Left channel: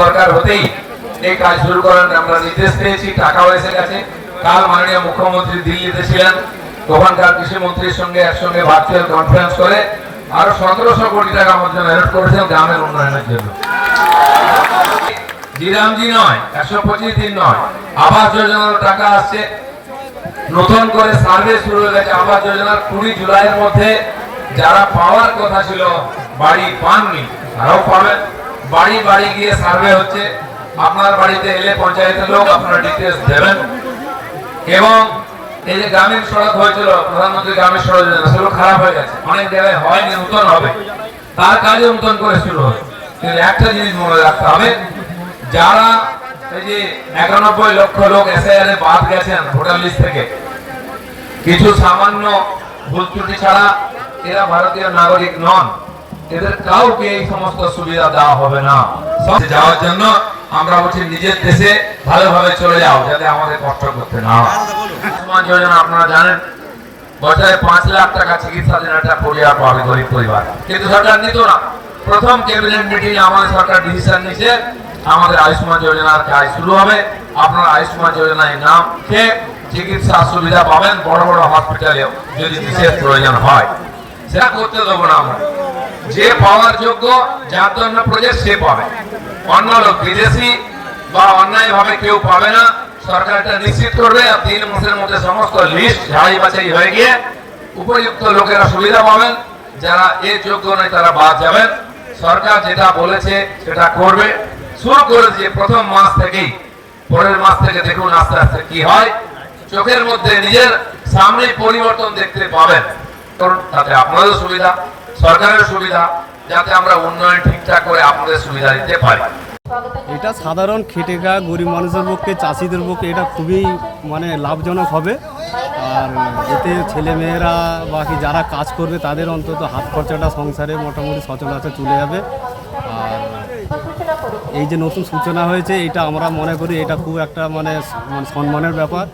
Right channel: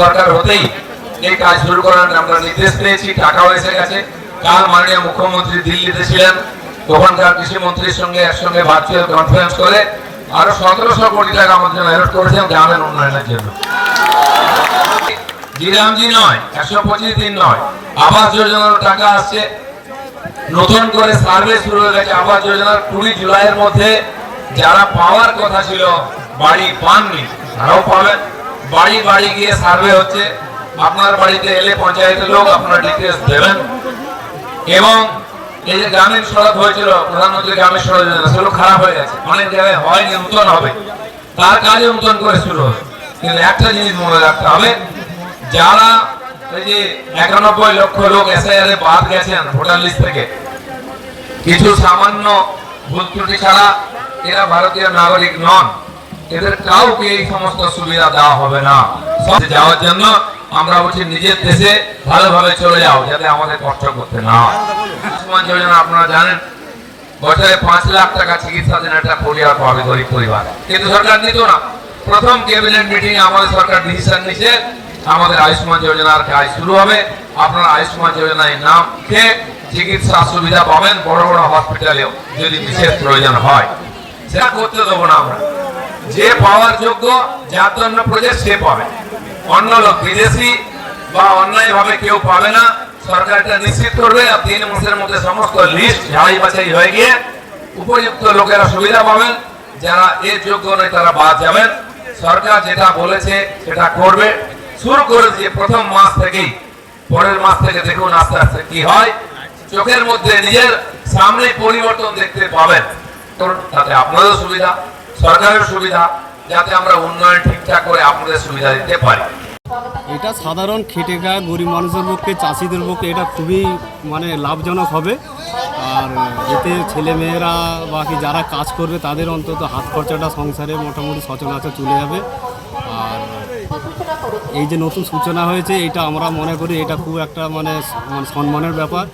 সরকার হতেই এই কাজ শুরু করার আমরা নির্দেশ পেয়েছি, টাকাও এসে গেছে। কাল মাননীয় মুখ্যমন্ত্রী দিল্লিতে ছিলেন, ওখানকার কৃষিমন্ত্রীর সঙ্গে একসঙ্গে ভার্চুয়াল কনফারেন্স করে আরো 1700 কোটি টাকা আমাদের অ্যালট করেছেন গ্রামের উন্নয়নের জন্য। জিরামজি নয়, 125 দিন নয়, আবাস যোজনার টাকা আসছে। নতুন করে সার্ভে শুরু হয়ে গেছে আবাস যোজনার। 20 জুলাইয়ের মধ্যে যারা পাওয়ার কথা ছিল বাড়ি পাননি তারাও পাবেন। বাড়ি বাড়ি গিয়ে সার্ভে হচ্ছে। আপনার বাড়িতে এলে পঞ্চায়েতের লোক আপনার ডিটেলস দেবেন। এবং এই যে গ্রামীণ সড়ক হয়েছিল, প্রধানমন্ত্রী গ্রামীণ সড়ক যোজনা, সেগুলো খারাপ হয়ে গেছে, অনেক জায়গায় হয়নি, নতুন হবে, তার কাজে নতুন করে শুরু হবে। কিন্তু একটা জিনিস মনে রাখতে হবে, যারা এই যে 91 লক্ষ লোক এসআইআর এ বাদ গেছেন ভোটার লিস্ট থেকে, কিছু সামান্য ভুল ত্রুটি ছাড়া এরা ভারতীয় নাগরিক নন। এদের কাউকে এই সমস্ত সুবিধা দেওয়া হবে না। যাওয়ার জন্য আমরা বলছি নিজের দেশে ভালোভাবে চলে যাও, যাতে আমাদের কষ্ট করতে না হয়। আয়ুষ্মান যোজনা আপনারা জানেন, বছরে 5 লাখ টাকা চিকিৎসা দেন একটা পরিবার পাবে, গরিব পরিবার। কিন্তু সরকার নিত না। প্রথম ক্যাবিনেট মিটিং আমাদের সরকার ডিসিশন নিয়েছে আমাদের আয়ুষ্মান যোজনার কাজ শুরু হবে। আপনারা আয়ুষ্মান যোজনায় নাম লিখে চিকিৎসা সুবিধা পাবেন, বড় বড় হসপিটালেও যদি বিশেষ প্রয়োজন হয়। সেটা করতে দেবো না আমরা। যে পাওয়ার যোগ্য, যার জন্য প্রজেক্ট সে পাবে, অন্য লোক বিদেশি বা অন্যায় ভাবে কেউ পাবে না। সরকার এটা নিশ্চিত করবে। আর 3 মাসের মধ্যে সমস্ত লিস্ট ঝাড়াই বাছাই হয়ে গিয়ে উপযুক্ত লোকেরা সুবিধা পাবেন, যারা এর যোগ্য নয় তারা বাদ যাবেন। সরকার যেটা বলেছে সেটা করবে। শুরু করে দিয়ে প্রথম মাস থেকেই, পরের মাস থেকে দেখুন আস্তে আস্তে কি হয়। চোখের মধ্যে নিজের সামনে পরিবর্তন দেখতে পাবেন। তাতে আপনাদের সুবিধা, সরকারের সুবিধা, যাতে আমরা উন্নয়ন ঠিকঠাক করে আপনাদের সুবিধা দিতে পারি। এটা সাধারণ খেটে খাওয়া গরিব মানুষের পক্ষে, চাষিদের পক্ষে এটা খুবই লাভজনক হবে। আর এতে ছেলেমেয়েরা বাকি যারা কাজ করবে তাদের অন্তত হাত খরচাটা সংসারে মোটামুটি সচরাচর চলে যাবে। আর এই যে নতুন সূচনা হয়েছে, এটা আমরা মনে করি এটা খুব একটা সম্মানের ব্যাপার।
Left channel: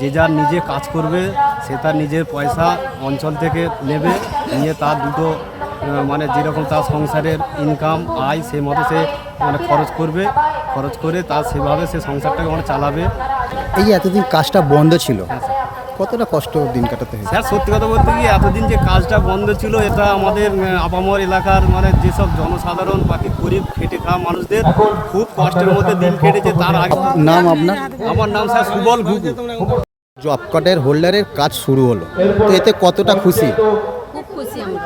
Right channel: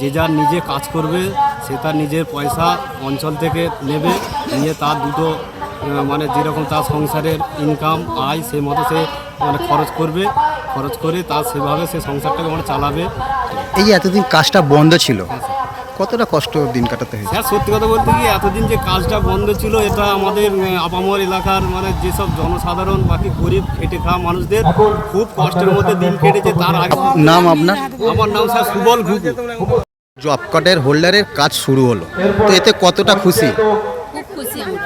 যে যার নিজে কাজ করবে, সে তার নিজের পয়সা অঞ্চল থেকে নেবে, নিয়ে তার দুটো যেরকম তার সংসারের ইনকাম আয় সেই মতো সে খরচ করে তার সেভাবে সে সংসারটাকে চালাবে। এই যে এতদিন কাজটা বন্ধ ছিল, কতটা কষ্ট দিন কাটাতে হয়েছে? স্যার সত্যি কথা বলতে কি, এতদিন যে কাজটা বন্ধ ছিল, এটা আমাদের আপামর এলাকার যেসব জনসাধারণ বাকি গরিব খেটে খাওয়া মানুষদের খুব কষ্টের মধ্যে দিন কেটেছে। তার আগে নাম আপনার? আমার নাম স্যার সুবল ঘুঘু। জব কার্ডের হোল্ডারের কাজ শুরু হলো, তো এতে কতটা খুশি? খুব খুশি আমরা।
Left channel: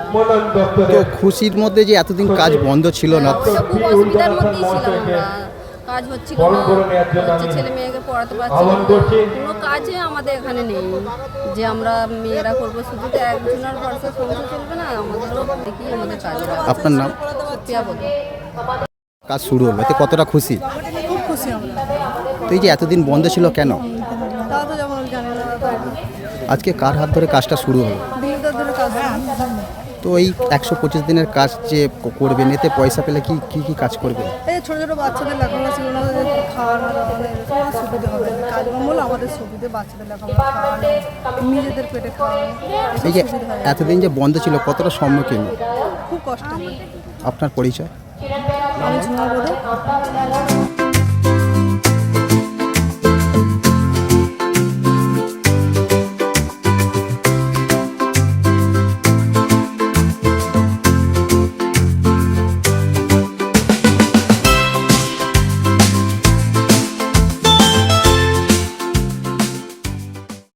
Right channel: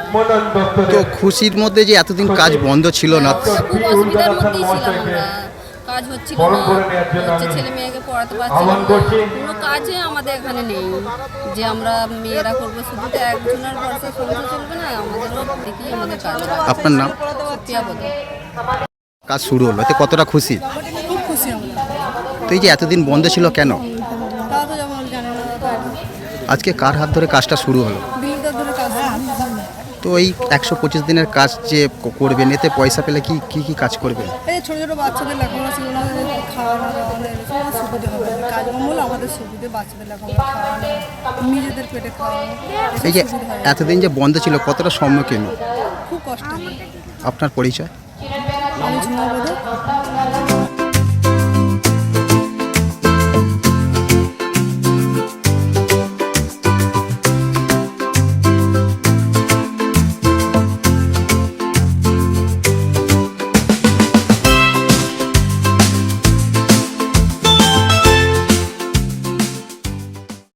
তো খুশির মধ্যে যে এতদিন কাজ বন্ধ ছিল না, খুব অসুবিধার মধ্যেই ছিলাম আমরা। কাজ হচ্ছিল না, ছেলে মেয়েকে পড়াতে পারছিলাম না, কোনো কাজে আমাদের এখানে নেই যে আমরা মেয়েরা করবো। শুধু তো একজনের ভরসা সংসার চলবে না, আমাদেরও দেখি আমাদের কাজ। আপনার নাম? সুপ্রিয়া বলো। কাজ শুরু হলো, এতে কতটা খুশি? খুব খুশি আমরা। তো এই যে এতদিন বন্ধ ছিল কেন? তারা তো যেমন জানে না, আজকে কার হাত ধরে কাজটা শুরু হলো? দিনদার ধরে কাজ। তো এই 125 দিনের কাজ যে করবেন, এতে পয়সা পেলে কি কি কাজ করবেন? এই ছোটো ছোটো বাচ্চাদের লেখাপড়া ছিল না, খাওয়ানো দাওয়ানো সুবিধা হবে। কাজ হলো আমাদের সুবিধে, বাচ্চাদের লেখাপড়া খাওয়ানো, নিজেদের পেটে খাওয়ানো। এই যে এতদিন যে বন্ধ ছিল, কতটা সম্মুখীন? খুব কষ্ট। আপনার পরিচয়? আমি ঝুমা বলে।